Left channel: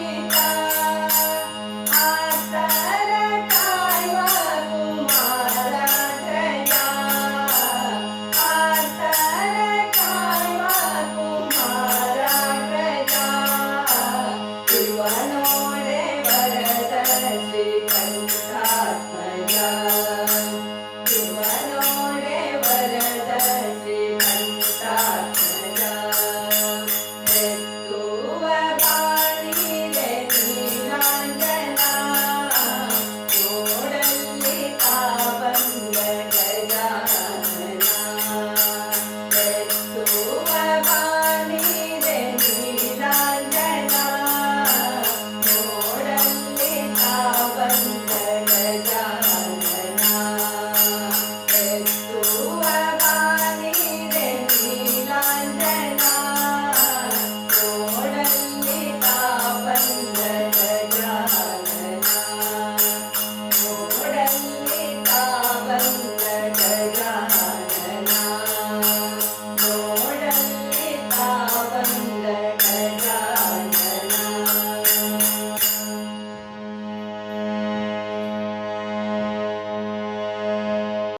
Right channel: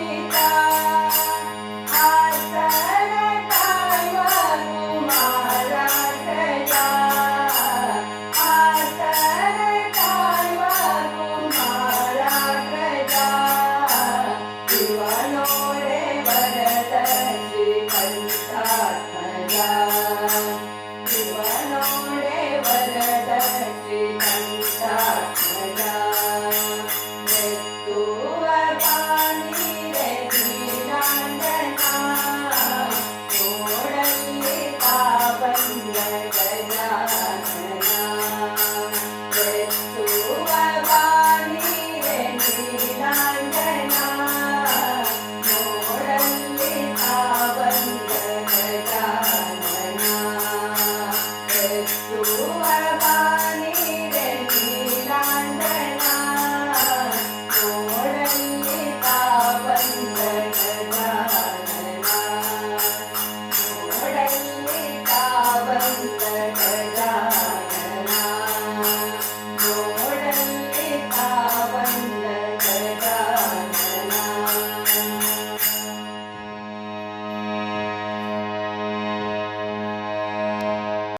Yeah.